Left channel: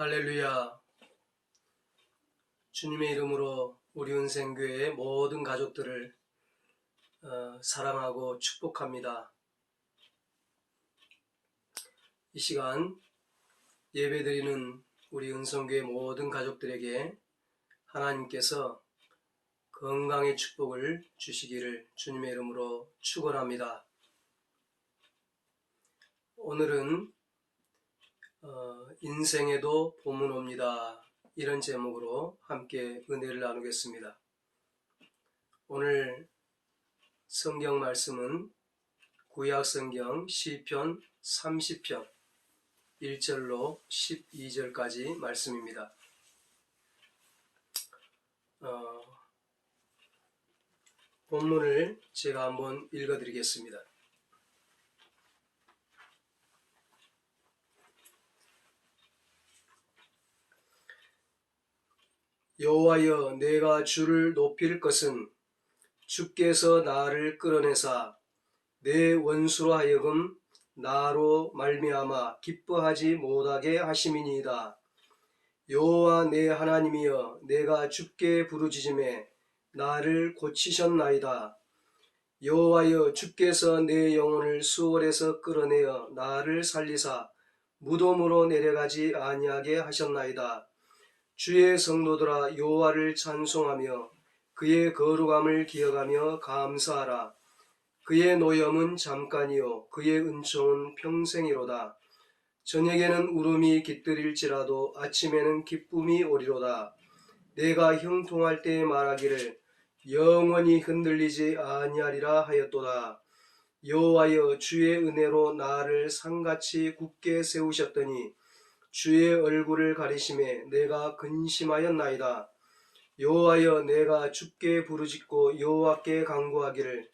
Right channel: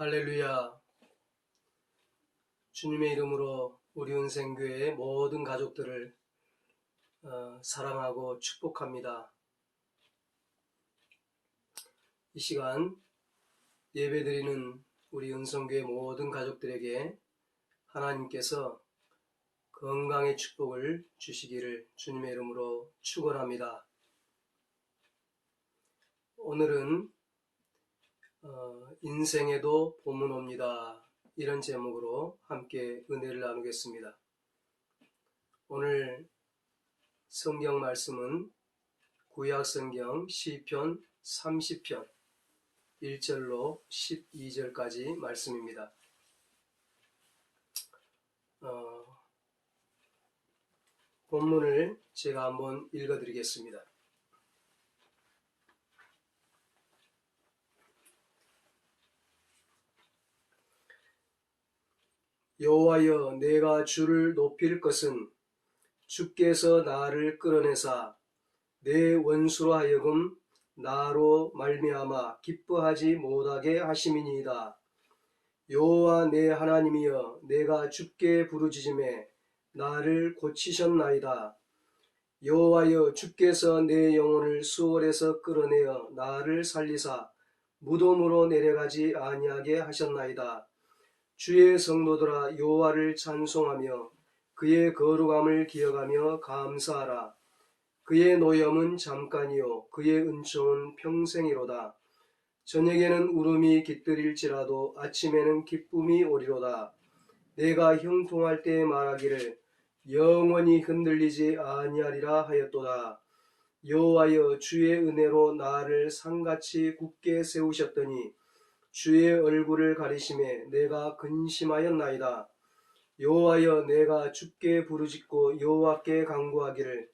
할렐루야. 주님의 이름으로 우리 은생교회의 모든 가족들을 사랑하고 축복합니다. 이 시간 예배드리는 우리 은성교회 모든 가족들에게 하나님께서 건강의 축복을 주시기를 주님의 이름으로 축원합니다. 오늘은 인생에도 봄은 옵니다. 이런 제목으로 함께 은혜를 나누겠습니다. 오늘 성경 말씀은 구약성경 시편 30편 1절로 12절까지 말씀입니다. 본문을 제가 한번 읽어드리겠습니다. 여호와여, 내가 주를 높일 것은 주께서 나를 끌어내사 내 원수로 하여금 나로 말미암아 기뻐하지 못하게 하심이니이다. 여호와 내 하나님이여, 내가 주께 부르짖음에 나를 고치셨나이다. 여호와여, 주께서 내 영혼을 수월에서 끌어내어 나를 살리사 무덤으로 내려가지 아니하게 하셨나이다. 주의 성도들아, 여호와를 찬송하며 그의 거룩함을 기억하며 감사하라. 그의 노염은 잠깐이요 그의 은총은 평생이로다. 저녁에는 울음이 깃들일지라도 아침에는 기쁨이 오리로다. 내가 형통할 때 말하기를 영원히 흔들리지 아니하리라 하였도다. 여호와여, 주의 은혜로 나를 산같이 굳게 세우셨더니 주의 얼굴을 가리심에 내가 근심하였나이다. 여호와여, 내가 주께 부르짖고 여호와께 간구하기를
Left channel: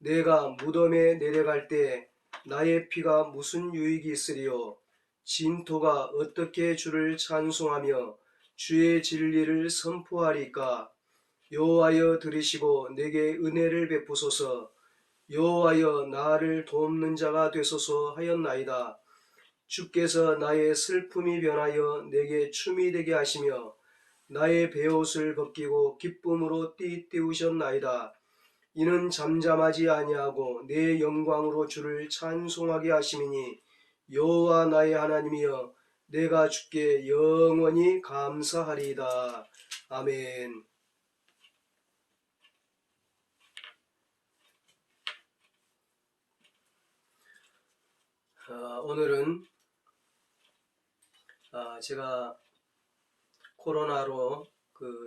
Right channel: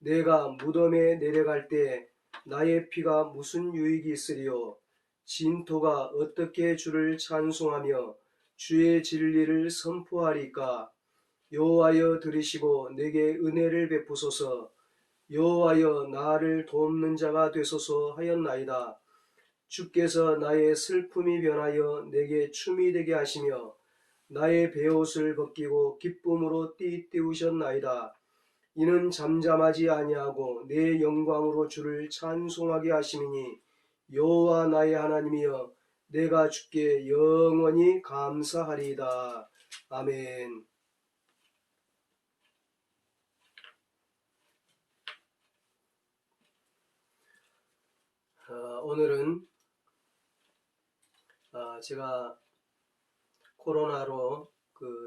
내가 무덤에 내려갈 때 나의 피가 무슨 유익이 있으리요. 진토가 어떻게 주를 찬송하며 주의 진리를 선포하리까. 여호와여, 들으시고 내게 은혜를 베푸소서. 여호와여, 나를 돕는 자가 되소서 하였나이다. 주께서 나의 슬픔이 변하여 내게 춤이 되게 하시며 나의 베옷을 벗기고 기쁨으로 띠띠우셨나이다. 이는 잠잠하지 아니하고 내 영광으로 주를 찬송하게 하심이니 여호와 나의 하나님이여, 내가 주께 영원히 감사하리이다. 아멘. 오늘은 제가 코로나로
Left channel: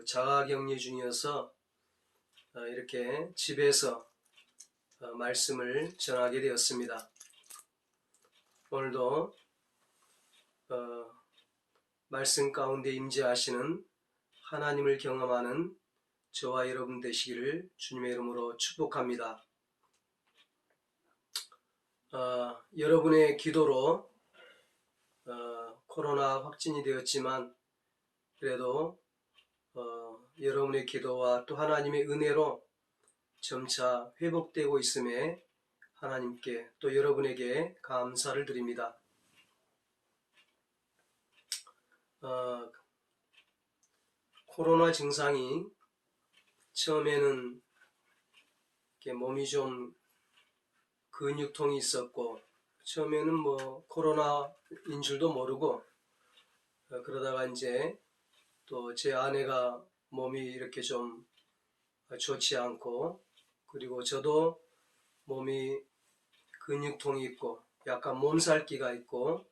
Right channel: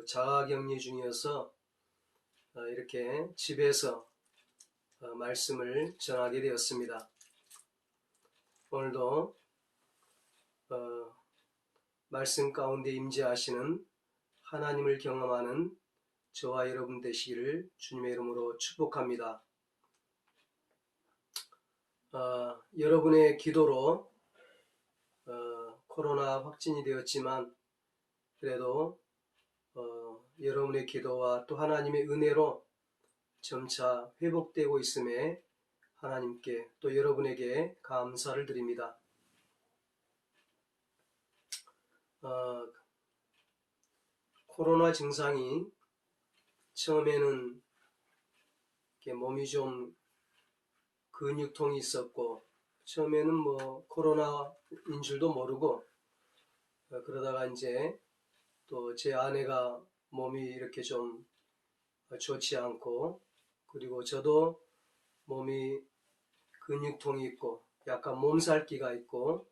자가격리 중이어서 이렇게 집에서 말씀을 전하게 되었습니다. 오늘도 말씀 가운데 임재하시는 하나님을 경험하는 저와 여러분 되시기를 주님의 이름으로 축복합니다. 여러분의 기도로 코로나 확진이 되었지만 그래도 여러분의 기도와 또 하나님의 은혜로 점차 회복되고 있음에 하나님께 또 여러분에게 감사를 드립니다. 코로나 증상이 처음에는 이렇게 몸이 좀 근육통이 있었고 처음에는 코로나인 줄도 모르고 그러다가 이제 또 제 아내가 몸이 이렇게 좀 좋지 않고 그리고 저도 몸이 근육통이 있고 약간 몸살기가 있고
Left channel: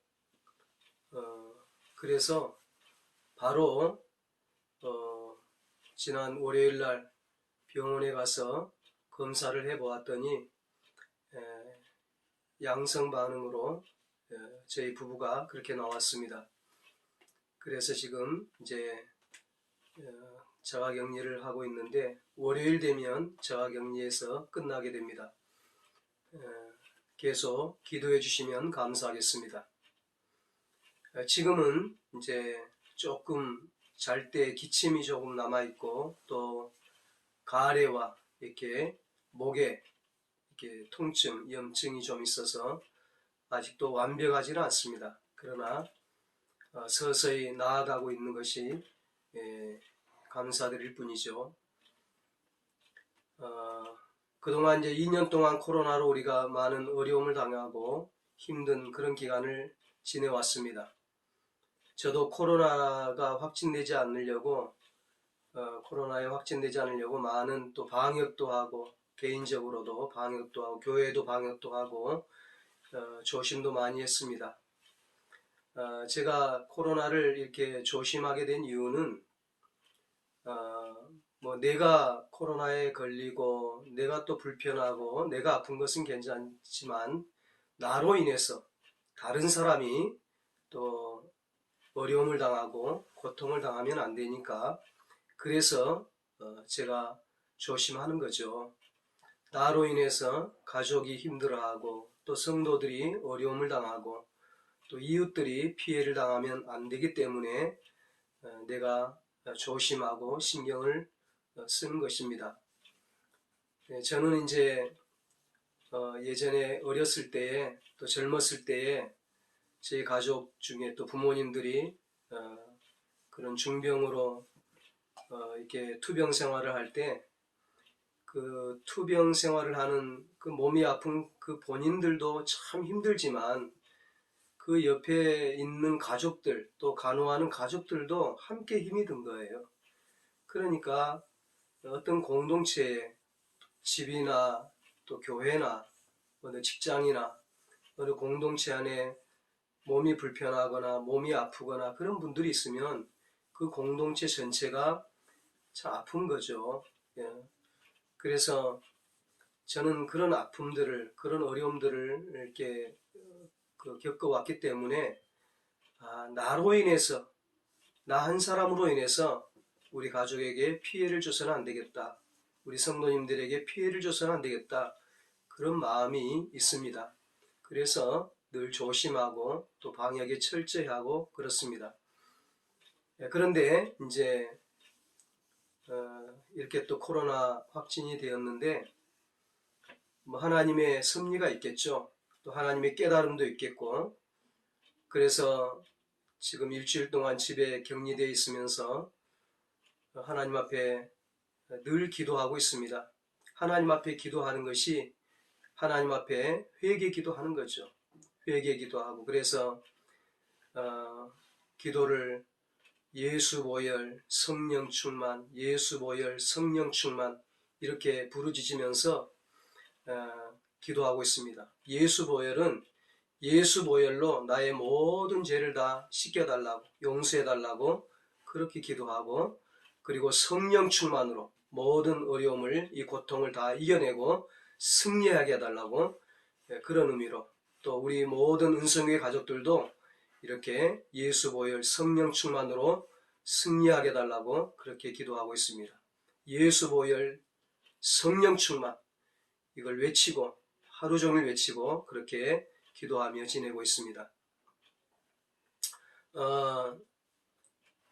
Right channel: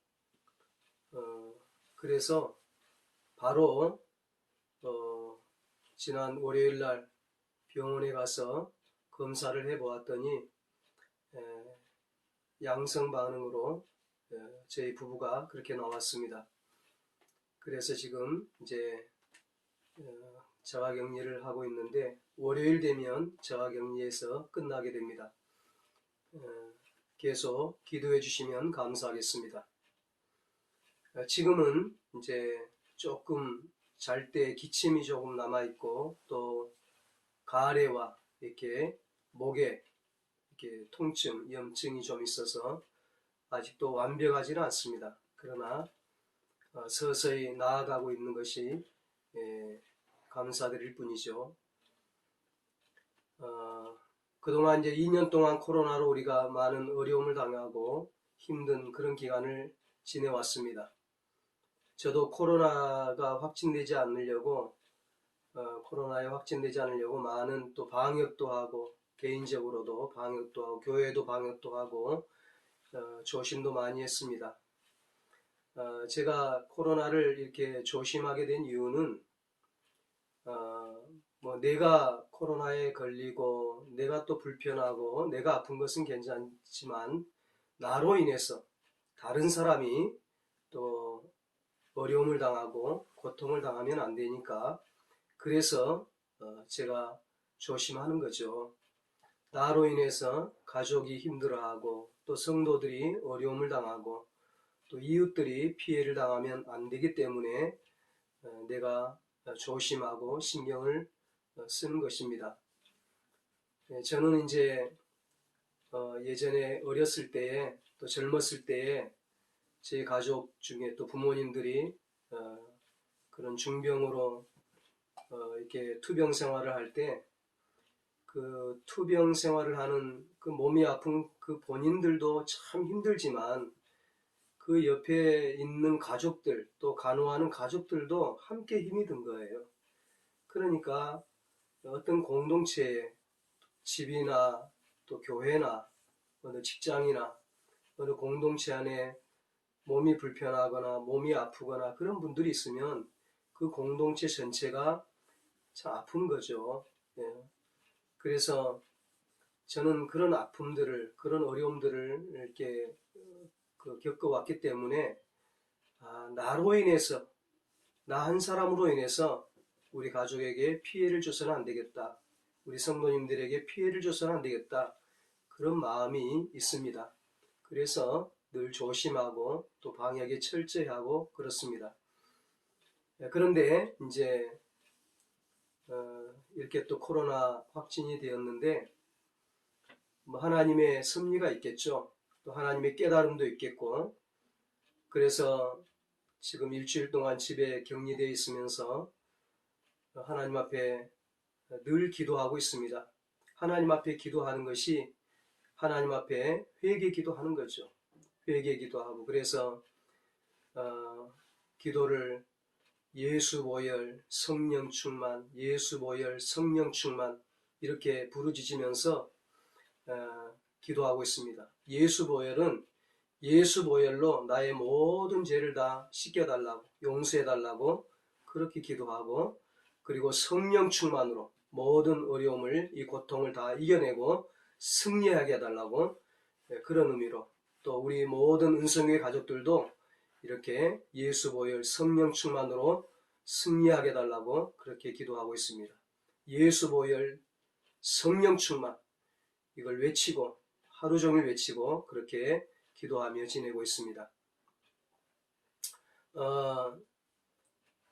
그래서 바로 지난 월요일날 병원에 가서 검사를 해보았더니 양성 반응으로 저희 부부가 그렇게 나왔습니다. 그래서 지금 이제 자가격리를 하고 있는데 월요일 되면 자가격리에서 끝나게 됩니다. 계속 기도해 주시면 감사하겠습니다. 지금은 이제 조금 잘 때 기침이 조금 남아있고 또 가래와 이렇게 목에 이렇게 통증, 염증이 좀 있어서 아직도 완벽하지는 않습니다. 그러나 서서히 나아가고 있는 것이 감사드릴 뿐이죠. 그동안 이제 2년 동안 코로나로 우리가 많은 어려움을 당하고 힘든 그런 기간을 지내왔습니다. 저도 코로나가 확진되지 않으려고 코로나에 확진되지 않으려고 많은 또 방역도 하고 개인적으로도 방역도 하고 교회도 방역도 하고 조심도 많이 했습니다. 제가 코로나를 이렇게 조심하게 된 이유는 내가 코로나에 걸리고 내가 또 불편하고 내가 아픈 것은 괜찮지만 나로 인해서 다른 사람이 또 어려움을 당하고 고통을 당하면 안 되니까 그래서 제가 조심하는 거죠. 나로 인해서 가족이 힘들어하고 또 성도들이 어려움을 당하고 또 이웃들이 피해를 당하면 안 되기 때문에 내가 조심하고 신경을 쓰는 것입니다. 저는 이제 예전에 어렸을 때에 또 젊었을 때에 제 가족 중에 또 부모님들이 그런 중병으로 이렇게 투병 생활을 할 때 그 투병 생활을 하는 그 몸이 아픈 그 본인들도 참 힘들지만 그 옆에 있는 가족들 또 간호하는 가족들도 함께 힘이 든 거예요. 그러니까 어떤 공동체에 집이나 또 교회나 어느 직장이나 어느 공동체 안에 몸이 불편하거나 몸이 아프거나 그런 분들이 있으면 그 공동체 전체가 참 아픈 거죠. 예. 그래서 저는 그런 아픔들을 그런 어려움들을 이렇게 겪어왔기 때문에 나로 인해서 나 한 사람으로 인해서 우리 가족에게 피해를 줘서는 안 되겠다. 우리 성도님들에게 피해를 줘서는 안 되겠다. 그런 마음이 있습니다. 그래서 늘 조심하고 또 방역에 철저히 하고 그렇습니다. 그런데 이제 이렇게 또 코로나 확진이 되었는데 하나님의 섭리가 있겠죠. 또 하나님의 깨달음도 있겠고 그래서 지금 일주일 동안 집에 격리되어 있으면서 하나님 앞에 늘 기도하고 있습니다. 하나님 앞에 기도하는 것이 하나님 앞에 회개 기도하는 거죠. 회개 기도하고 그래서 기도를 예수 보혈 성령 충만, 예수 보혈 성령 충만 이렇게 부르짖으면서 기도하고 있습니다. 예수 보혈은 예수 보혈로 나의 모든 죄를 다 씻겨달라고 용서해달라고 그렇게 기도하고 그리고 성령 충만으로 모든 어려움을 이 고통을 다 이겨내고 승리하게 해달라고 그런 의미로 또 우리 모든 은성의 가족들도 이렇게 예수 보혈 성령 충만으로 승리하게 해달라고 그렇게 기도하고 있습니다. 예수 보혈 성령 충만 이걸 외치고 하루 종일 외치고 그렇게 기도하며 지내고 있습니다.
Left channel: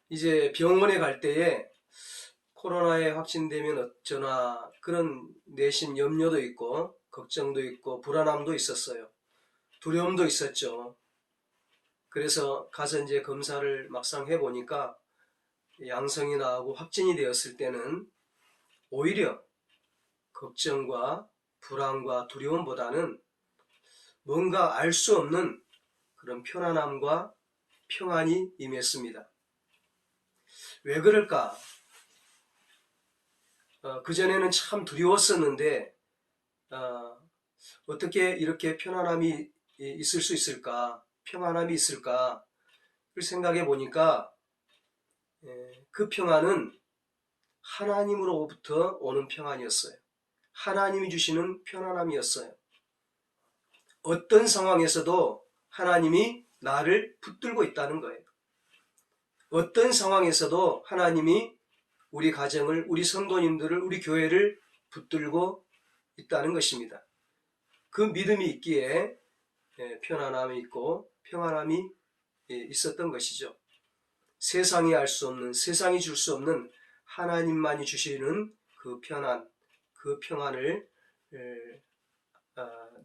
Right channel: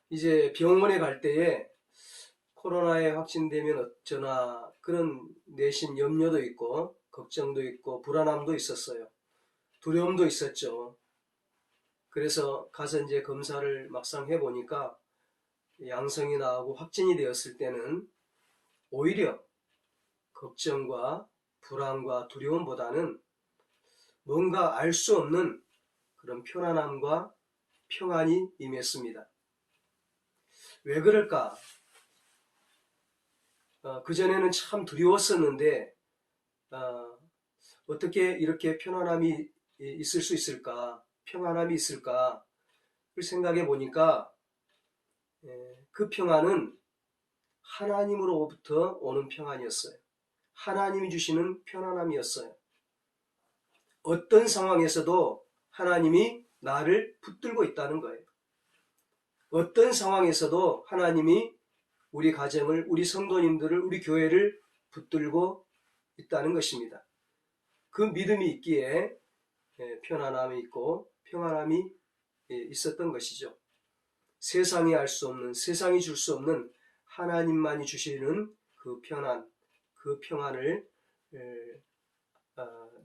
이제 병원에 갈 때에 코로나에 확진되면 어쩌나 그런 내심 염려도 있고 걱정도 있고 불안함도 있었어요. 두려움도 있었죠. 그래서 가서 이제 검사를 막상 해보니까 양성이 나오고 확진이 되었을 때는 오히려 걱정과 불안과 두려움보다는 뭔가 알 수 없는 그런 편안함과 평안이 임했습니다. 왜 그럴까? 그전에는 참 두려웠었는데 어떻게 이렇게 편안함이 있을 수 있을까? 평안함이 있을까? 를 생각해 보니까 그 평안은 하나님으로부터 오는 평안이었어요. 하나님이 주시는 편안함이었어요. 어떤 상황에서도 하나님이 나를 붙들고 있다는 거예요. 어떤 상황에서도 하나님이 우리 가정을, 우리 성도님들을, 우리 교회를 붙들고 있다는 것입니다. 그 믿음이 있기에 편안함이 있고 평안함이 있었던 것이죠. 세상이 알 수 없는, 세상이 줄 수 없는 하나님만이 주시는 그 편안, 그 평안을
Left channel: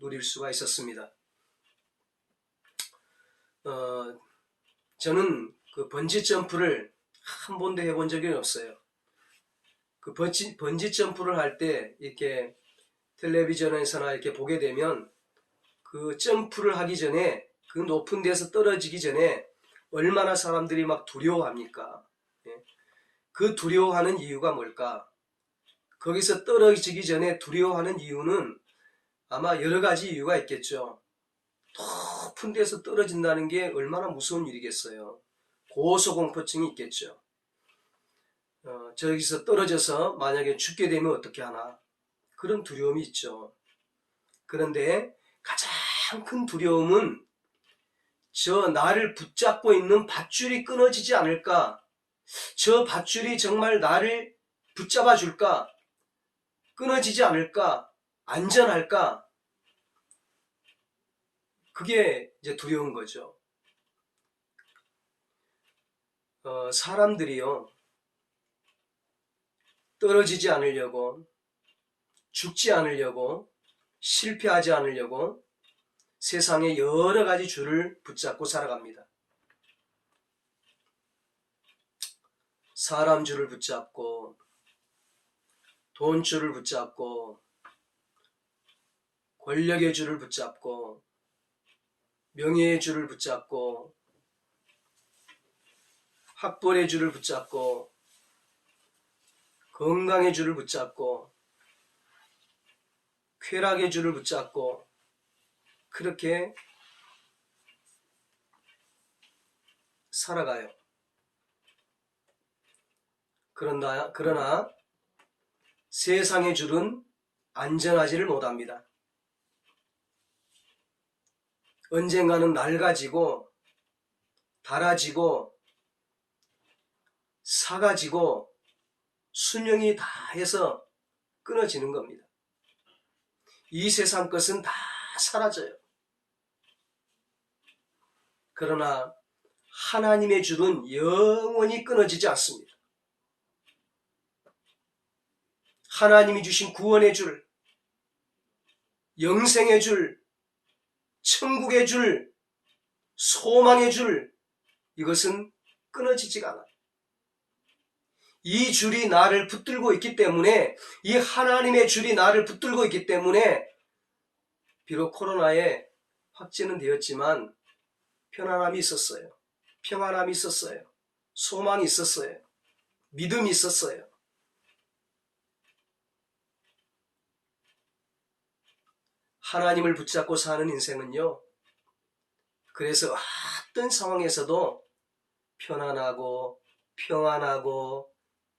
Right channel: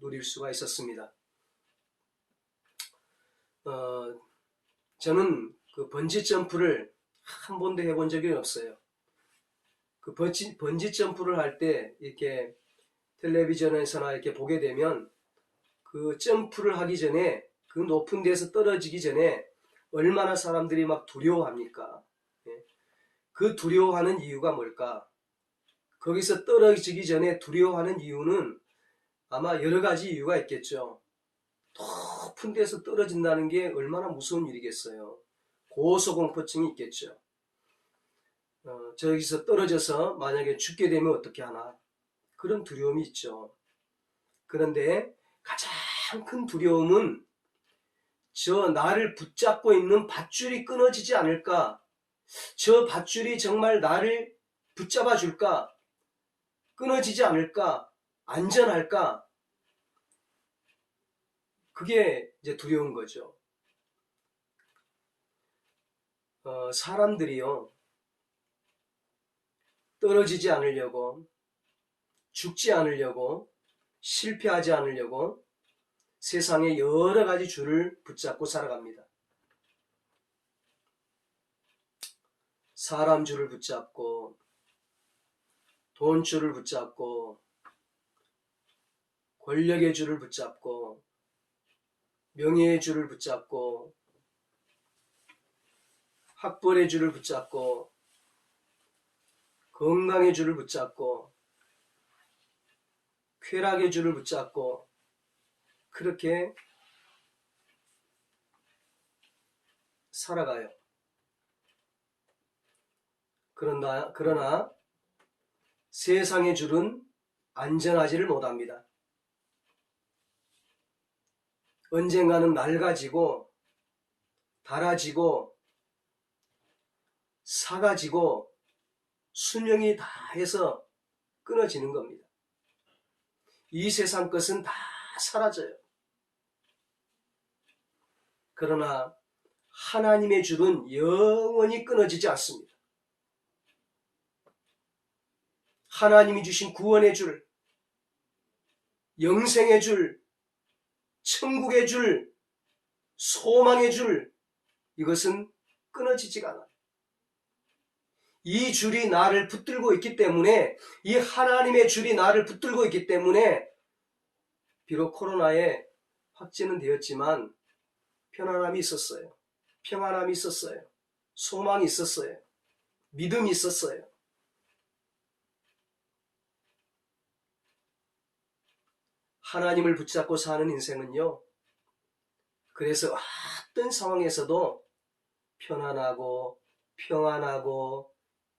누릴 수가 있었습니다. 저는 그 번지 점프를 한 번도 해본 적이 없어요. 그 번지 점프를 할 때 이렇게 텔레비전에서나 이렇게 보게 되면 그 점프를 하기 전에 그 높은 데서 떨어지기 전에 얼마나 사람들이 막 두려워합니까? 예. 그 두려워하는 이유가 뭘까? 거기서 떨어지기 전에 두려워하는 이유는 아마 여러 가지 이유가 있겠죠. 높은 데서 떨어진다는 게 얼마나 무서운 일이겠어요. 고소공포증이 있겠죠. 저기서 떨어져서 만약에 죽게 되면 어떻게 하나? 그런 두려움이 있죠. 그런데 가장 큰 두려움은 저 나를 붙잡고 있는 밧줄이 끊어지지 않을까? 저 밧줄이 정말 나를 붙잡아 줄까? 끊어지지 않을까? 안전할까? 그게 이제 두려운 거죠. 사람들이요, 떨어지지 않으려고, 죽지 않으려고, 실패하지 않으려고 세상에 여러 가지 줄을 붙잡고 살아갑니다. 사람 줄을 붙잡고, 돈 줄을 붙잡고, 권력의 줄을 붙잡고, 명예의 줄을 붙잡고, 학벌의 줄을 붙잡고, 건강의 줄을 붙잡고, 쾌락의 줄을 붙잡고, 그렇게 살아가요. 그러나 세상의 줄은 안전하지를 못합니다. 언젠가는 낡아지고 닳아지고 사가지고 수명이 다해서 끊어지는 겁니다. 이 세상 것은 다 사라져요. 그러나 하나님의 줄은 영원히 끊어지지 않습니다. 하나님이 주신 구원의 줄, 영생의 줄, 천국의 줄, 소망의 줄, 이것은 끊어지지가 않아요. 이 줄이 나를 붙들고 있기 때문에, 이 하나님의 줄이 나를 붙들고 있기 때문에 비록 코로나에 확진은 되었지만 편안함이 있었어요. 평안함이 있었어요. 소망이 있었어요. 믿음이 있었어요. 하나님을 붙잡고 사는 인생은요, 그래서 어떤 상황에서도 편안하고 평안하고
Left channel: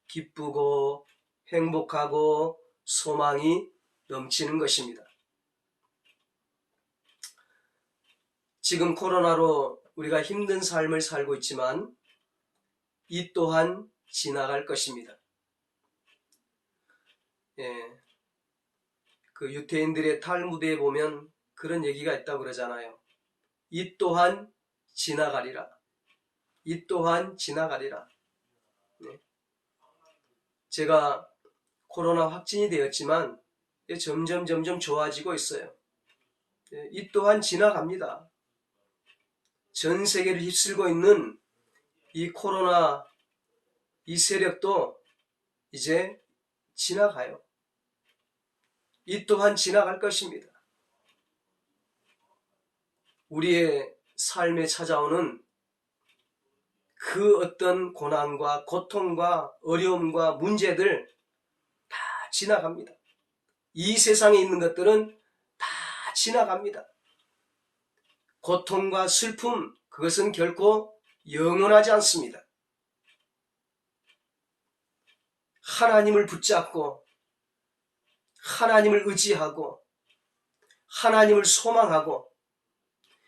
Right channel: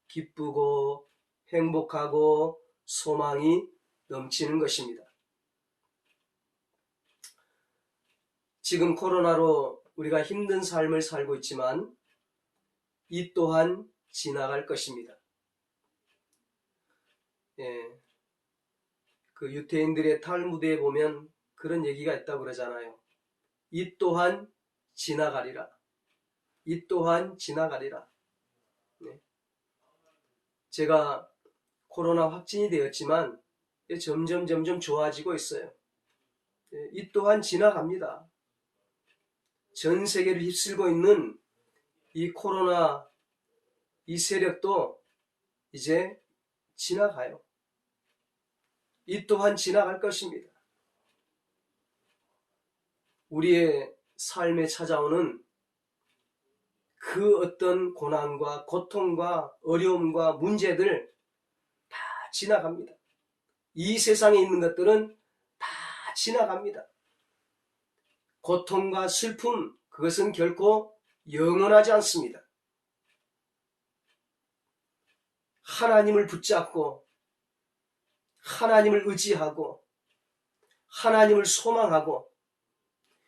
기쁘고 행복하고 소망이 넘치는 것입니다. 지금 코로나로 우리가 힘든 삶을 살고 있지만 이 또한 지나갈 것입니다. 그 유대인들의 탈무드에 보면 그런 얘기가 있다고 그러잖아요. 이 또한 지나가리라. 이 또한 지나가리라. 제가 코로나 확진이 되었지만 점점 좋아지고 있어요. 이 또한 지나갑니다. 전 세계를 휩쓸고 있는 이 코로나 이 세력도 이제 지나가요. 이 또한 지나갈 것입니다. 우리의 삶에 찾아오는 그 어떤 고난과 고통과 어려움과 문제들 다 지나갑니다. 이 세상에 있는 것들은 다 지나갑니다. 고통과 슬픔, 그것은 결코 영원하지 않습니다. 하나님을 붙잡고 하나님을 의지하고 하나님을 소망하고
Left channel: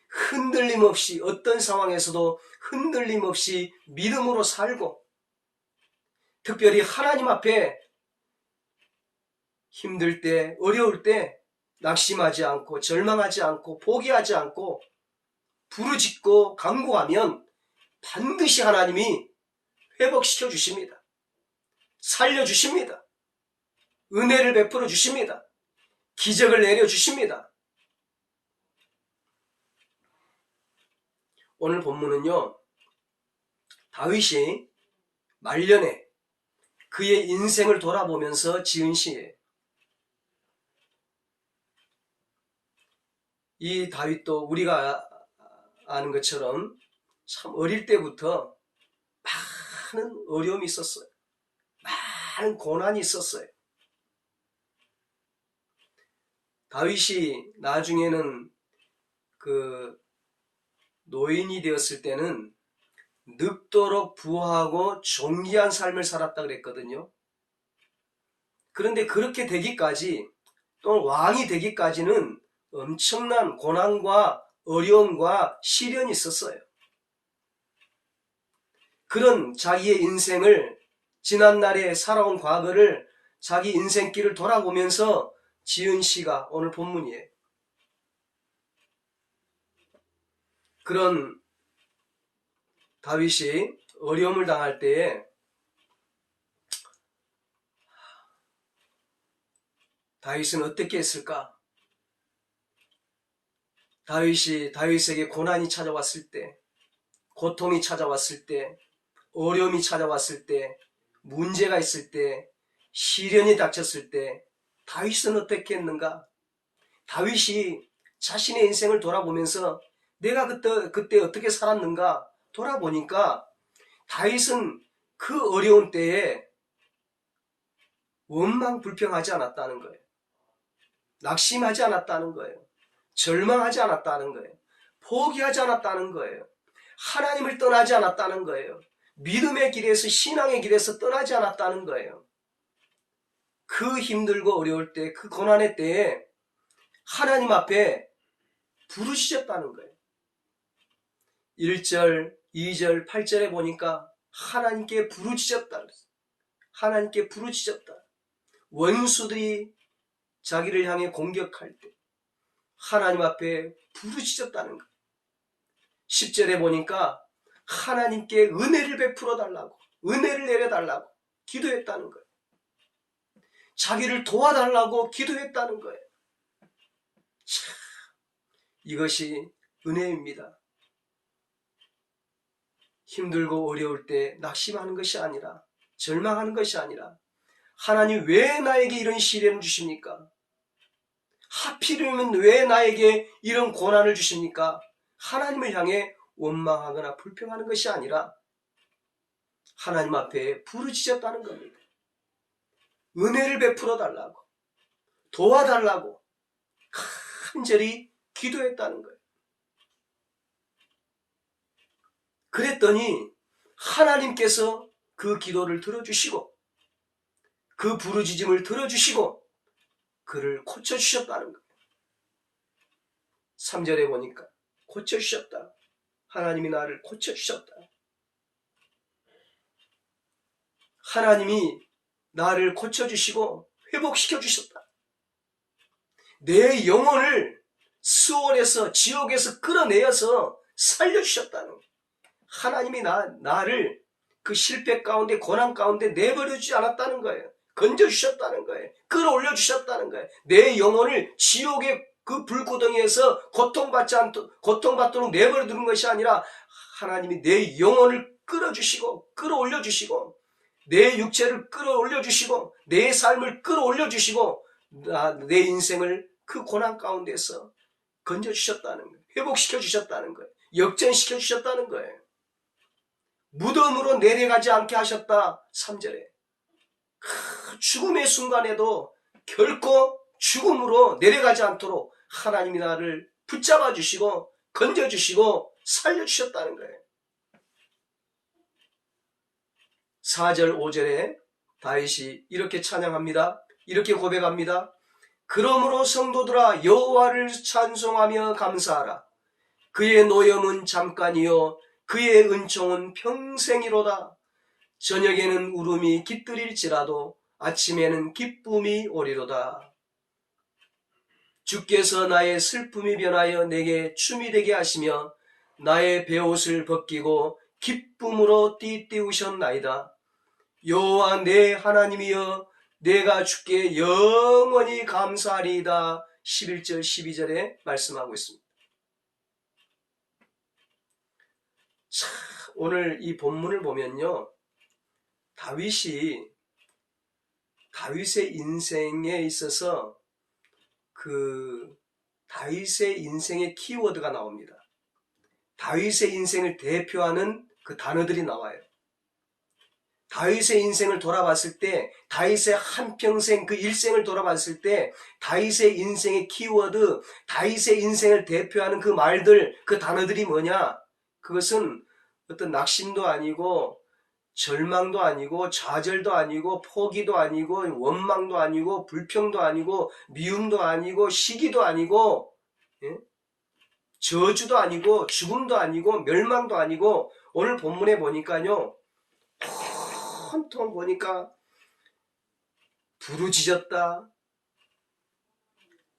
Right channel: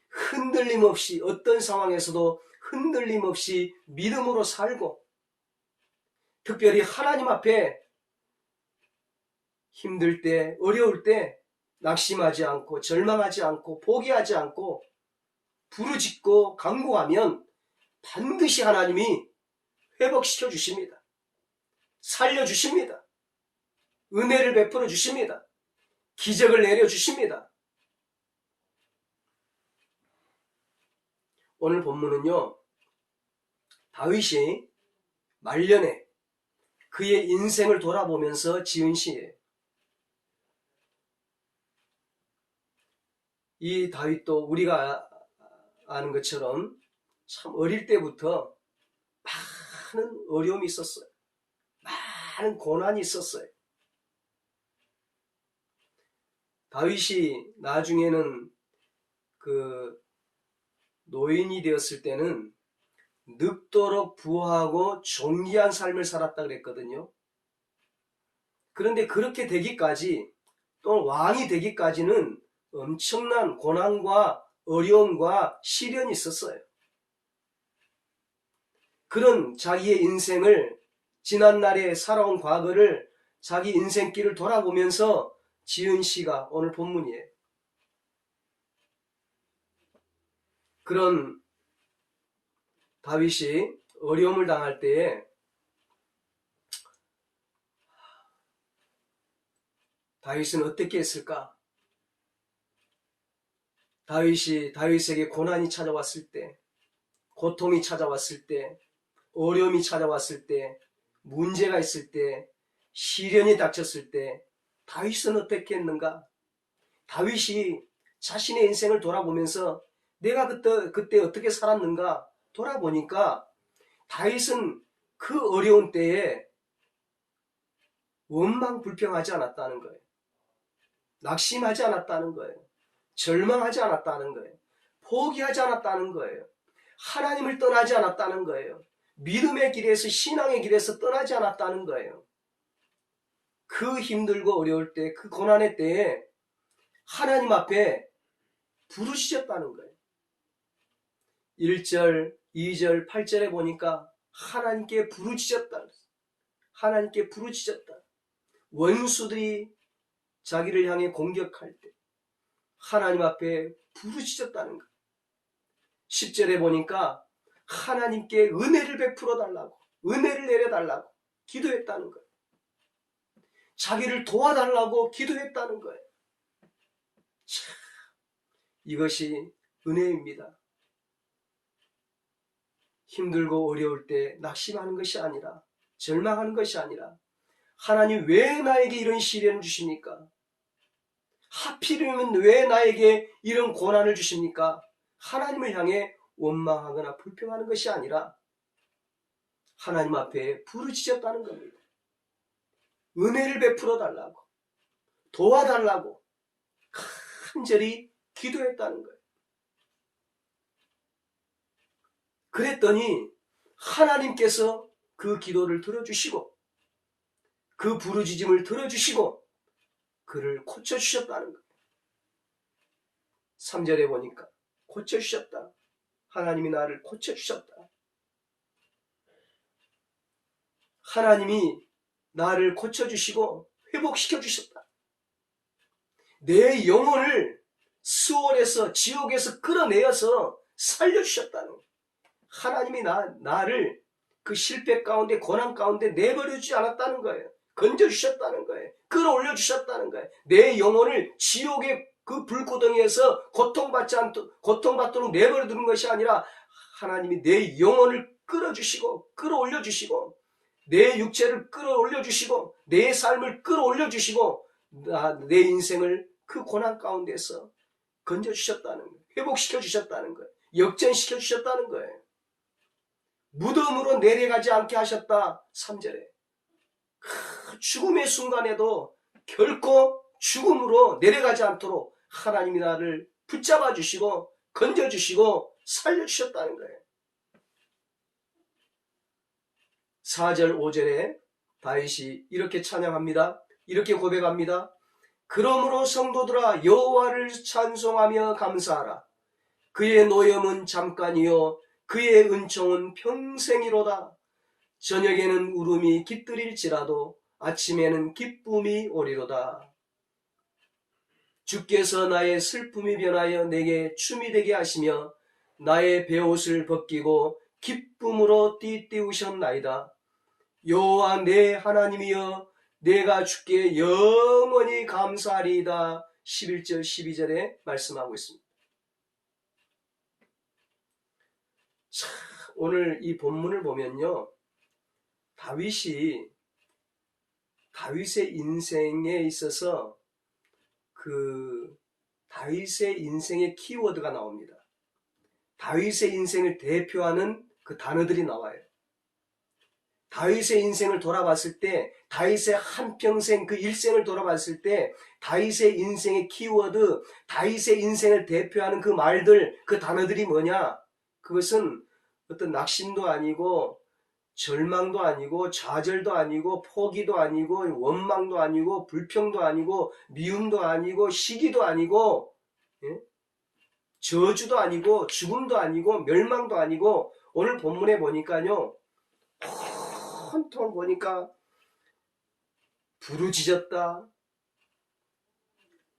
흔들림 없이, 어떤 상황에서도 흔들림 없이 믿음으로 살고, 특별히 하나님 앞에 힘들 때, 어려울 때 낙심하지 않고 절망하지 않고 포기하지 않고 부르짖고 간구하면 반드시 하나님이 회복시켜 주십니다. 살려 주십니다. 은혜를 베풀어 주십니다. 기적을 내려 주십니다. 오늘 본문은요, 다윗이 말년에 그의 인생을 돌아보면서 지은 시예요. 이 다윗도 우리가 아는 것처럼 참 어릴 때부터 많은 어려움이 있었어요. 많은 고난이 있었어요. 다윗이 나중에는 그 노인이 되었을 때는 늙도록 부하고 존귀한 삶을 살았다 그랬거든요. 그런데 그렇게 되기까지, 또는 왕이 되기까지는 엄청난 고난과 어려움과 시련이 있었어요. 그런 자기의 인생을, 지난날에 살아온 과거를, 자기 인생길을 돌아보면서 지은 시가 오늘 본문이에요. 그런 다윗이 어려움을 당할 때에 다윗은 어떻게 했을까? 다윗에게 고난이 찾아왔을 때, 고통이 찾아왔을 때, 어려움이 찾아왔을 때, 문제가 있을 때, 시련이 닥쳤을 때 다윗은 어떻게 했는가? 다윗이 자신의 인생을 돌아보면서 내가 그때 어떻게 살았는가 돌아보니까 다윗은 그 어려운 때에 원망불평하지 않았다는 거예요. 낙심하지 않았다는 거예요. 절망하지 않았다는 거예요. 포기하지 않았다는 거예요. 하나님을 떠나지 않았다는 거예요. 믿음의 길에서, 신앙의 길에서 떠나지 않았다는 거예요. 그 힘들고 어려울 때, 그 고난의 때에 하나님 앞에 부르짖었다는 거예요. 1절, 2절, 8절에 보니까 하나님께 부르짖었다. 하나님께 부르짖었다. 원수들이 자기를 향해 공격할 때 하나님 앞에 부르짖었다는 거예요. 10절에 보니까 하나님께 은혜를 베풀어 달라고, 은혜를 내려달라고 기도했다는 거예요. 자기를 도와달라고 기도했다는 거예요. 참, 이것이 은혜입니다. 힘들고 어려울 때 낙심하는 것이 아니라, 절망하는 것이 아니라, 하나님 왜 나에게 이런 시련을 주십니까? 하필이면 왜 나에게 이런 고난을 주십니까? 하나님을 향해 원망하거나 불평하는 것이 아니라 하나님 앞에 부르짖었다는 겁니다. 은혜를 베풀어 달라고, 도와달라고 간절히 기도했다는 거예요. 그랬더니 하나님께서 그 기도를 들어주시고 그 부르짖음을 들어주시고 그를 고쳐주셨다는 거예요. 3절에 보니까 고쳐주셨다. 하나님이 나를 고쳐주셨다. 하나님이 나를 고쳐주시고 회복시켜주셨다. 내 영혼을 수월에서, 지옥에서 끌어내어서 살려주셨다는 거예요. 하나님이 나를 그 실패 가운데, 고난 가운데 내버려주지 않았다는 거예요. 건져주셨다는 거예요. 끌어올려주셨다는 거예요. 내 영혼을 지옥의 그 불구덩이에서 고통받도록 내버려 두는 것이 아니라 하나님이 내 영혼을 끌어주시고 끌어올려주시고 내 육체를 끌어올려주시고 내 삶을 끌어올려주시고 내 인생을 그 고난 가운데서 건져주셨다는 거예요. 회복시켜주셨다는 거예요. 역전시켜주셨다는 거예요. 무덤으로 내려가지 않게 하셨다. 3절에 죽음의 순간에도 결코 죽음으로 내려가지 않도록 하나님이 나를 붙잡아 주시고 건져주시고 살려주셨다는 거예요. 4절 5절에 다윗이 이렇게 찬양합니다. 이렇게 고백합니다. 그러므로 성도들아 여호와를 찬송하며 감사하라. 그의 노염은 잠깐이요 그의 은총은 평생이로다. 저녁에는 울음이 깃들일지라도 아침에는 기쁨이 오리로다. 주께서 나의 슬픔이 변하여 내게 춤이 되게 하시며 나의 베옷을 벗기고 기쁨으로 띠띠우셨나이다. 여호와 내 하나님이여 내가 주께 영원히 감사하리이다. 11절 12절에 말씀하고 있습니다. 참 오늘 이 본문을 보면요, 다윗의 인생에 있어서 다윗의 인생의 키워드가 나옵니다. 다윗의 인생을 대표하는 그 단어들이 나와요. 다윗의 인생을 돌아봤을 때, 다윗의 한평생 그 일생을 돌아봤을 때 다윗의 인생의 키워드, 다윗의 인생을 대표하는 그 말들, 그 단어들이 뭐냐? 그것은 어떤 낙심도 아니고 절망도 아니고 좌절도 아니고 포기도 아니고 원망도 아니고 불평도 아니고 미움도 아니고 시기도 아니고, 예? 저주도 아니고 죽음도 아니고 멸망도 아니고, 오늘 본문에 보니까요, 온통 보니까 부르짖었다,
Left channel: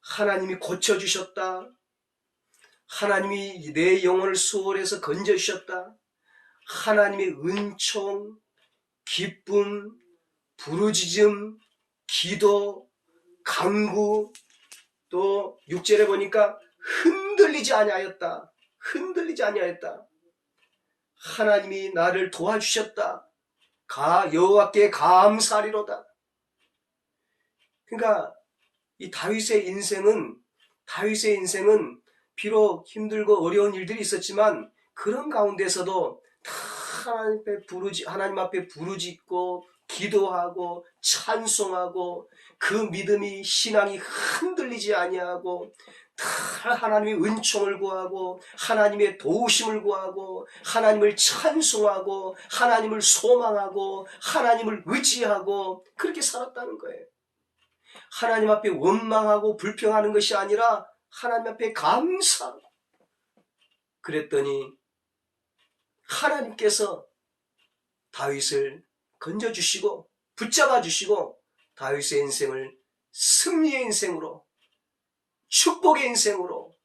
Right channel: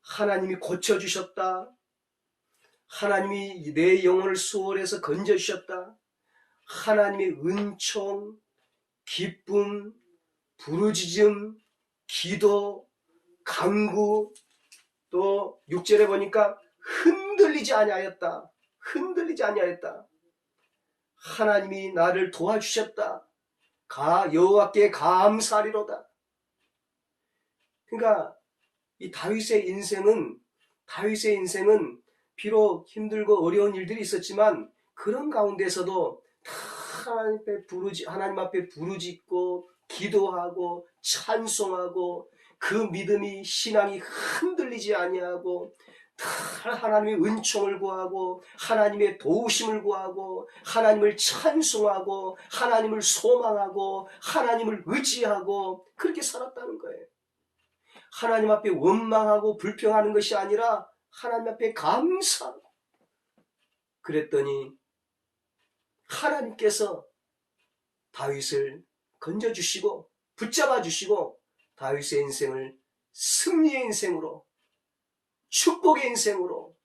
하나님이 고쳐주셨다, 하나님이 내 영혼을 수월해서 건져주셨다, 하나님의 은총, 기쁨, 부르짖음, 기도, 간구, 또 6절에 보니까 흔들리지 아니하였다. 흔들리지 아니하였다. 하나님이 나를 도와주셨다. 여호와께 감사하리로다. 그러니까 이 다윗의 인생은 비록 힘들고 어려운 일들이 있었지만 그런 가운데서도 다 하나님 앞에 부르짖고 기도하고 찬송하고, 그 믿음이, 신앙이 흔들리지 아니하고 다 하나님의 은총을 구하고 하나님의 도우심을 구하고 하나님을 찬송하고 하나님을 소망하고 하나님을 의지하고 그렇게 살았다는 거예요. 하나님 앞에 원망하고 불평하는 것이 아니라 하나님 앞에 감사하고. 그랬더니 하나님께서 다윗을 건져주시고 붙잡아주시고 다윗의 인생을 승리의 인생으로, 축복의 인생으로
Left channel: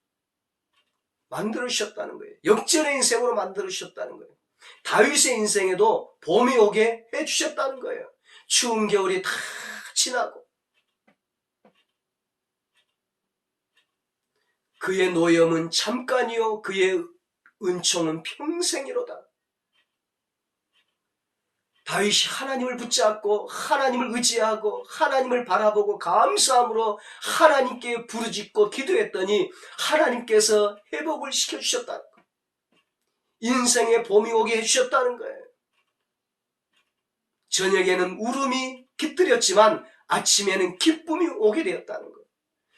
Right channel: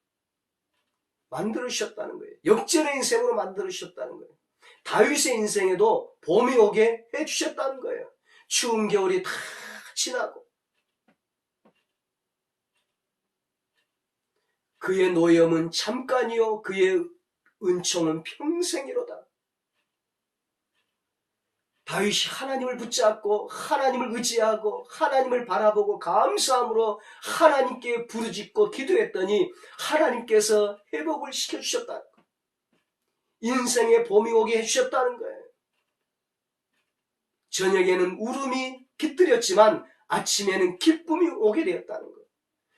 만들어주셨다는 거예요. 역전의 인생으로 만들어주셨다는 거예요. 다윗의 인생에도 봄이 오게 해주셨다는 거예요. 추운 겨울이 다 지나고 그의 노염은 잠깐이요 그의 은총은 평생이로다. 다윗이 하나님을 붙잡고 하나님을 의지하고 하나님을 바라보고 감사함으로 하나님께 부르짖고 기도했더니 하나님께서 회복을 시켜주셨다는 거예요. 인생의 봄이 오게 해주셨다는 거예요. 저녁에는 울음이 깃들였지만 아침에는 기쁨이 오게 되었다는 거예요.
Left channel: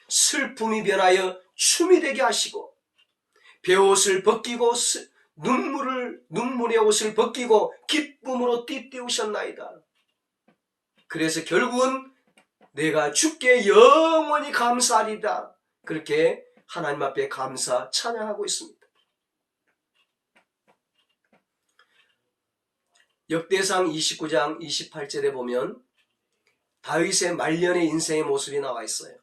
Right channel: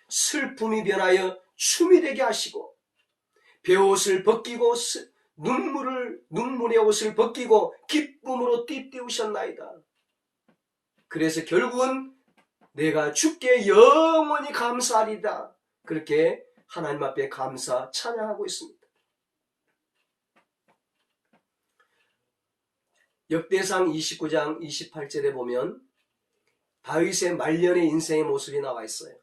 슬픔이 변하여 춤이 되게 하시고 베옷을 벗기고 눈물의 옷을 벗기고 기쁨으로 띠띠우셨나이다. 그래서 결국은 내가 주께 영원히 감사하리다. 그렇게 하나님 앞에 감사 찬양하고 있습니다. 역대상 29장 28절에 보면 다윗의 말년의 인생의 모습이 나와 있어요.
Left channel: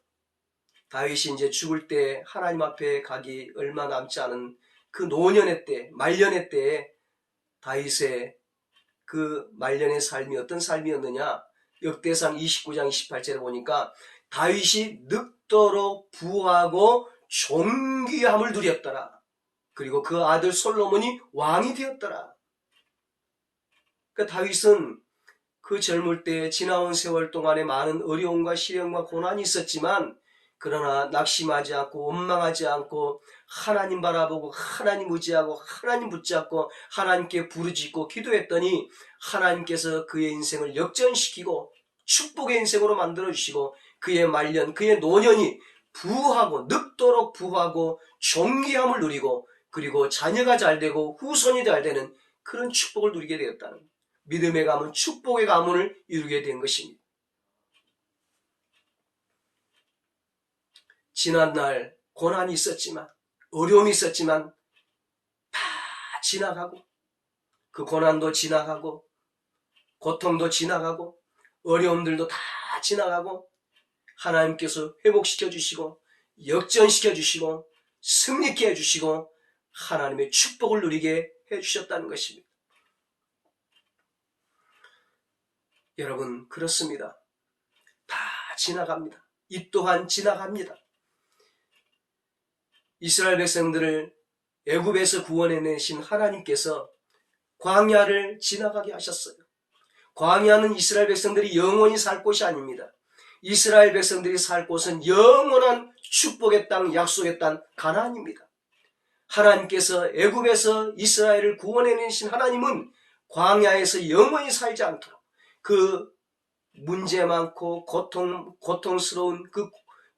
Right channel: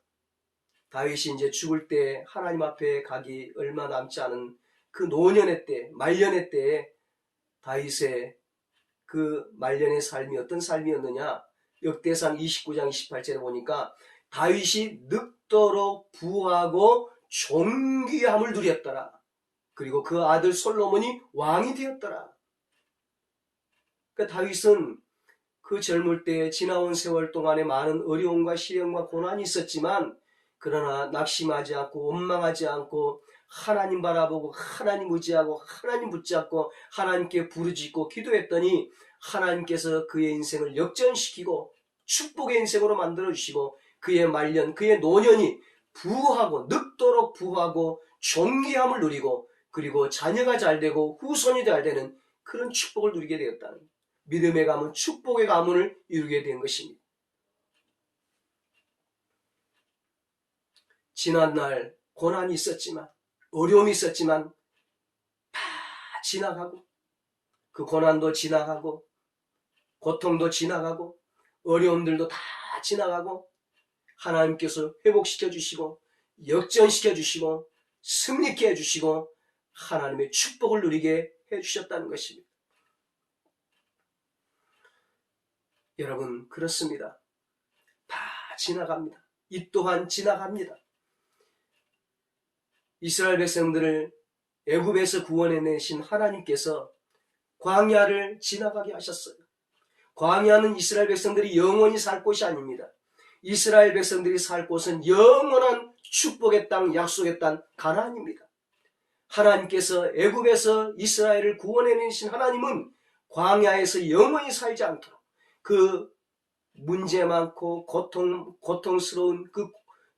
다윗이 이제 죽을 때 하나님 앞에 가기 얼마 남지 않은 그 노년의 때, 말년의 때에 다윗의 그 말년의 삶이 어떤 삶이었느냐? 역대상 29장 28절에 보니까 다윗이 늙도록 부하고 존귀함을 누렸더라. 그리고 그 아들 솔로몬이 왕이 되었더라. 그 다윗은 그 젊을 때 지나온 세월 동안에 많은 어려움과 시련과 고난이 있었지만, 그러나 낙심하지 않고 원망하지 않고 하나님 바라보고 하나님 의지하고 하나님 붙잡고 하나님께 부르짖고 기도했더니 하나님께서 그의 인생을 역전시키고 축복의 인생으로 만들어주시고 그의 말년, 그의 노년이 부하고 늙도록 부하고 존귀함을 누리고 그리고 자녀가 잘되고 후손이 잘되는 그런 축복을 누리게 되었다는, 믿음의 가문, 축복의 가문을 이루게 된 것입니다. 지난날 고난이 있었지만, 어려움이 있었지만 다 지나가고, 그 고난도 지나가고 고통도 지나가고 어려움들도 다 지나가고 하나님께서 회복시켜 주시고 역전시켜 주시고 승리케 해주시고 하나님의 축복을 누리게 해주셨다는 것입니다. 여러분, 그렇습니다. 다 지나갑니다. 이 또한 지나갑니다. 이스라엘 백성들을 애굽에서 구원해내신 하나님께서 광야를 지나가게 하셨어요. 광야는 이스라엘 백성들이 영원히 살 곳이 아닙니다. 이스라엘 백성들이 살 곳은 영원한 축복의 땅, 약속의 땅 가나안입니다. 하나님께서 애굽에서 이스라엘을 구원해내신 하나님은 광야에서 영원히 살지 않도록 그 문제 많고 고통스러운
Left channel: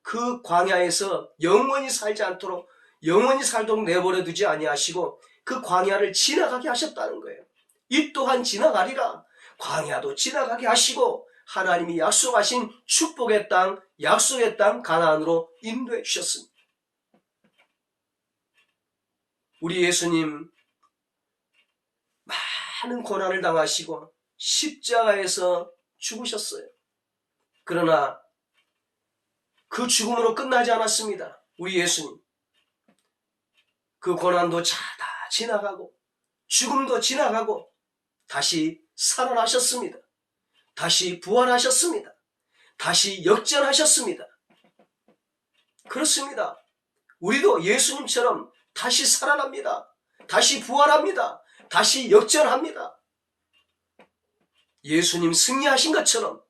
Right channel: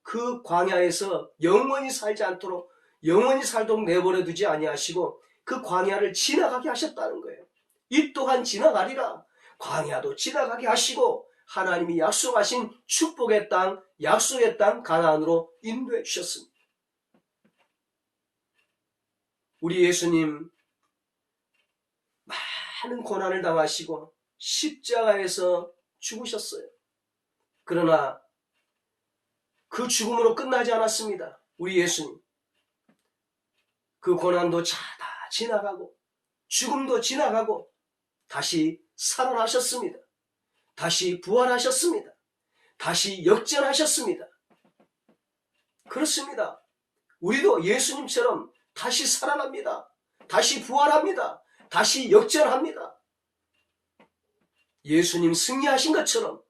그 광야에서 영원히 살지 않도록, 영원히 살도록 내버려 두지 아니하시고 그 광야를 지나가게 하셨다는 거예요. 이 또한 지나가리라. 광야도 지나가게 하시고 하나님이 약속하신 축복의 땅, 약속의 땅 가나안으로 인도해 주셨습니다. 우리 예수님 많은 고난을 당하시고 십자가에서 죽으셨어요. 그러나 그 죽음으로 끝나지 않았습니다. 우리 예수님 그 고난도 다 지나가고 죽음도 지나가고 다시 살아나셨습니다. 다시 부활하셨습니다. 다시 역전하셨습니다. 그렇습니다. 우리도 예수님처럼 다시 살아납니다. 다시 부활합니다. 다시 역전합니다. 예수님 승리하신 것처럼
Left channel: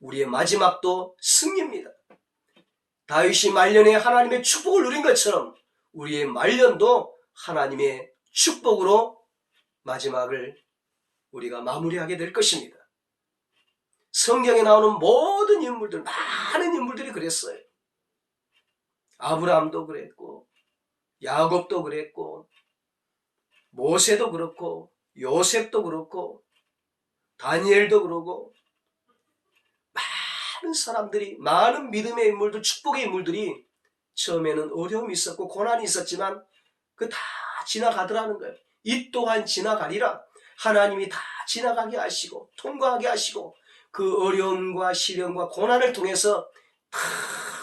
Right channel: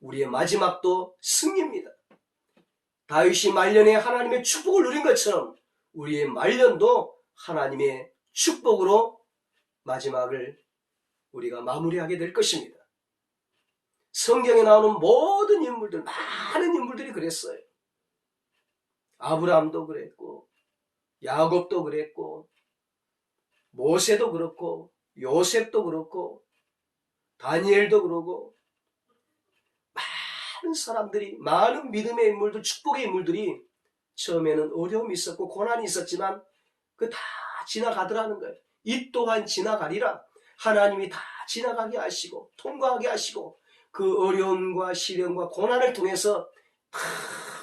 우리의 마지막도 승리입니다. 다윗이 말년에 하나님의 축복을 누린 것처럼 우리의 말년도 하나님의 축복으로 마지막을 우리가 마무리하게 될 것입니다. 성경에 나오는 모든 인물들, 많은 인물들이 그랬어요. 아브라함도 그랬고, 야곱도 그랬고, 모세도 그렇고, 요셉도 그렇고, 다니엘도 그러고, 많은 사람들이, 많은 믿음의 인물들, 축복의 인물들이 처음에는 어려움이 있었고 고난이 있었지만 그 다 지나가더라는 거예요. 이 또한 지나가리라. 하나님이 다 지나가게 하시고 통과하게 하시고 그 어려움과 시련과 고난을 통해서 다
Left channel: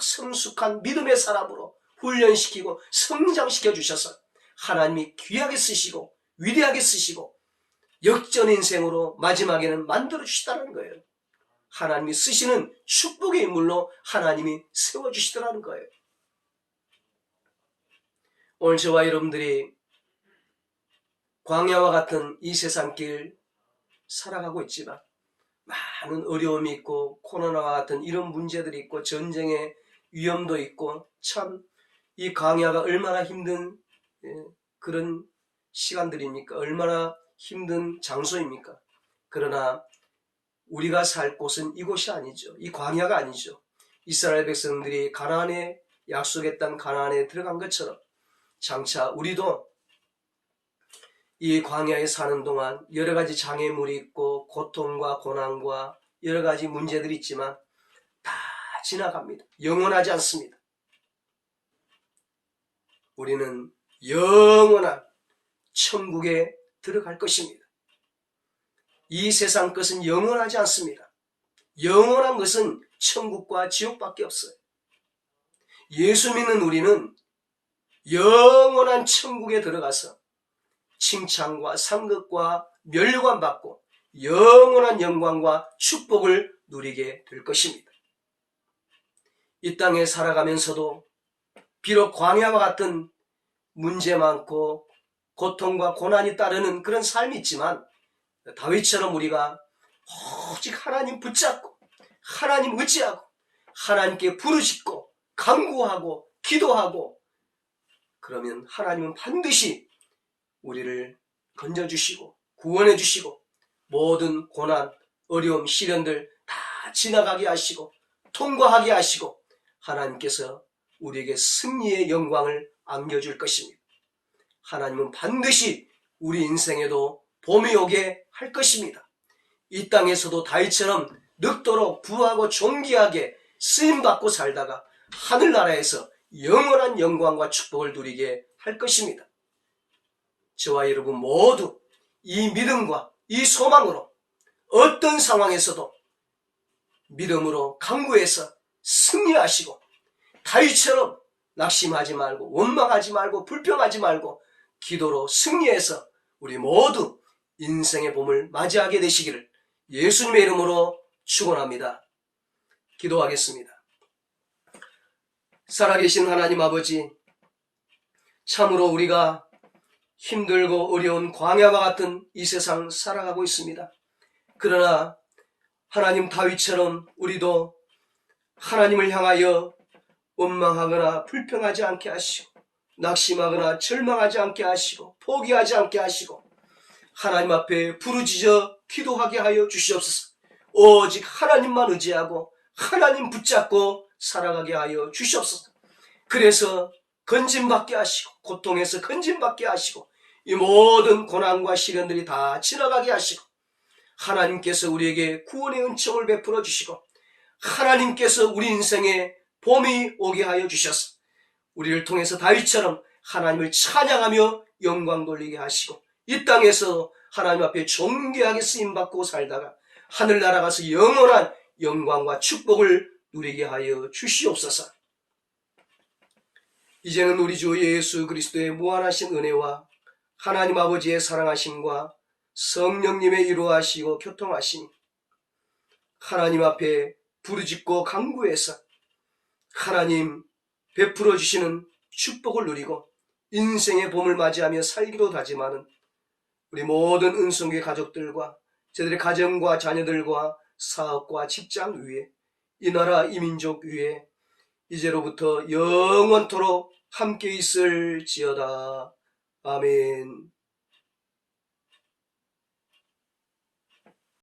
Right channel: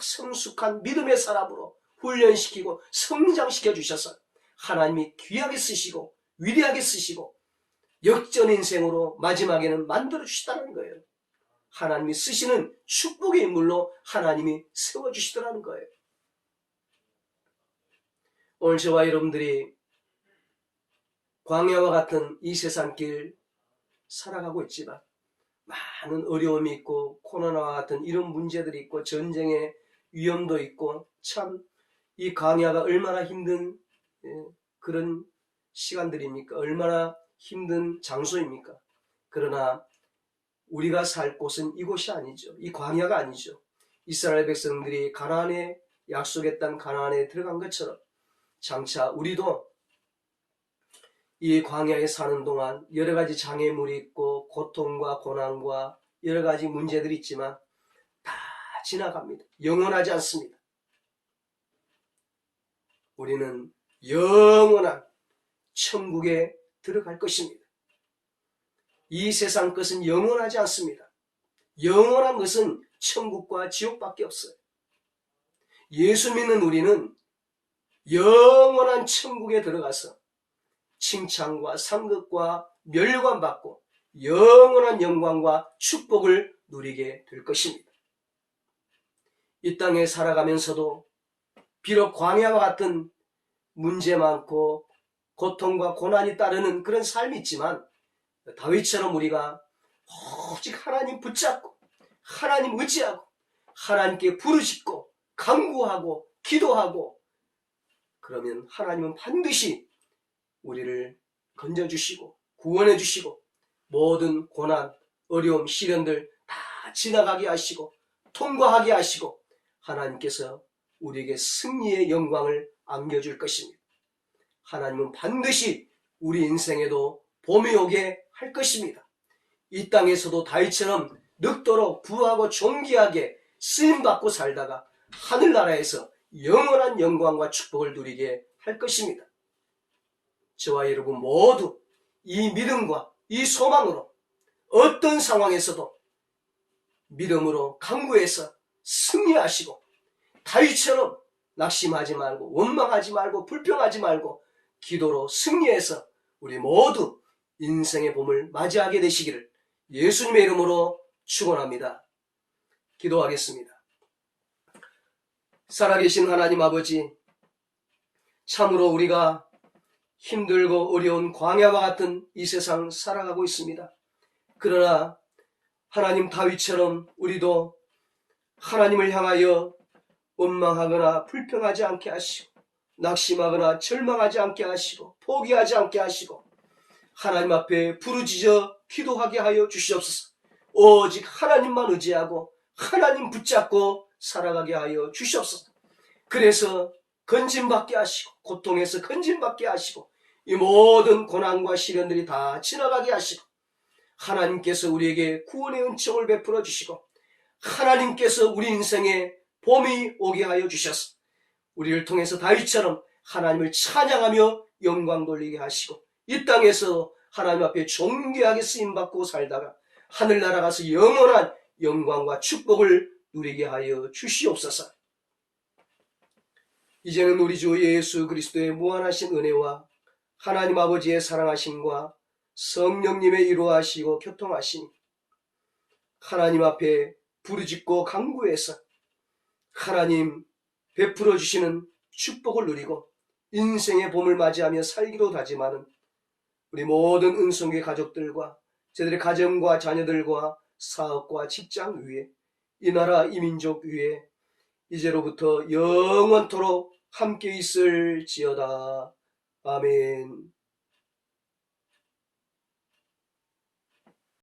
성숙한 믿음의 사람으로 훈련시키고 성장시켜 주셔서 하나님이 귀하게 쓰시고 위대하게 쓰시고 역전 인생으로 마지막에는 만들어 주시다는 거예요. 하나님이 쓰시는 축복의 인물로 하나님이 세워주시더라는 거예요. 오늘 저와 여러분들이 광야와 같은 이 세상길 살아가고 있지만 많은 어려움이 있고 코로나와 같은 이런 문제들이 있고 전쟁의 위험도 있고 참 이 광야가 얼마나 힘든 그런 시간들입니까? 얼마나 힘든 장소입니까? 그러나 우리가 살 곳은 이곳이 아니죠. 이 광야가 아니죠. 이스라엘 백성들이 가나안의 약속의 땅 가나안에 들어간 것처럼 장차 우리도 이 광야에 사는 동안 여러 가지 장애물이 있고 고통과 고난과 여러 가지 문제들이 있지만 다 지나갑니다. 영원하지 않습니다. 우리는 영원한 천국에 들어갈 것입니다. 이 세상 것은 영원하지 않습니다. 영원한 것은 천국과 지옥밖에 없어요. 예수 믿는 우리는 영원한 천국에 들어가서 칭찬과 상급과 멸관받고 영원한 영광과 축복을 누리게 될 것입니다. 이 땅에 살아가면서도 비록 광야와 같은 문제 많고 고통과 고난이 따르는 그런 삶이 있지만 다윗처럼 우리가 오직 하나님 붙잡고 하나님 의지하고 하나님께 부르짖고 간구하고 기도하고 그러면 하나님은 반드시 우리를 건져주시고 구원해주시고 모든 고난, 어려움, 시련들 다 지나가게 하시고 통과하게 하시고 하나님께서 우리에게 승리의 영광을 안겨줄 것입니다. 하나님은 반드시 우리 인생에도 봄이 오게 할 것입니다. 이 땅에서도 다윗처럼 늙도록 부하고 존귀하게 쓰임받고 살다가 하늘나라에서 영원한 영광과 축복을 누리게 할 것입니다. 저와 여러분 모두 이 믿음과 이 소망으로 어떤 상황에서도 믿음으로 강구해서 승리하시고 다윗처럼 낙심하지 말고 원망하지 말고 불평하지 말고 기도로 승리해서 우리 모두 인생의 봄을 맞이하게 되시기를 예수님의 이름으로 축원합니다. 기도하겠습니다. 살아계신 하나님 아버지, 참으로 우리가 힘들고 어려운 광야와 같은 이 세상 살아가고 있습니다. 그러나 하나님 다윗처럼 우리도 하나님을 향하여 원망하거나 불평하지 않게 하시고, 낙심하거나 절망하지 않게 하시고, 포기하지 않게 하시고, 하나님 앞에 부르짖어 기도하게 하여 주시옵소서. 오직 하나님만 의지하고 하나님 붙잡고 살아가게 하여 주시옵소서. 그래서 건짐받게 하시고, 고통에서 건짐받게 하시고, 이 모든 고난과 시련들이 다 지나가게 하시고, 하나님께서 우리에게 구원의 은총을 베풀어 주시고, 하나님께서 우리 인생에 봄이 오게 하여 주셔서 우리를 통해서 다윗처럼 하나님을 찬양하며 영광 돌리게 하시고, 이 땅에서 하나님 앞에 존귀하게 쓰임받고 살다가 하늘나라 가서 영원한 영광과 축복을 누리게 하여 주시옵소서. 이제는 우리 주 예수 그리스도의 무한하신 은혜와 하나님 아버지의 사랑하심과 성령님의 이루하시고 교통하심, 하나님 앞에 부르짖고 간구해서 하나님 베풀어 주시는 축복을 누리고 인생의 봄을 맞이하며 살기로 다짐하는 우리 모든 은총교회 가족들과 저들의 가정과 자녀들과 사업과 직장 위에, 이 나라 이 민족 위에 이제로부터 영원토록 함께 있을지어다. 아멘.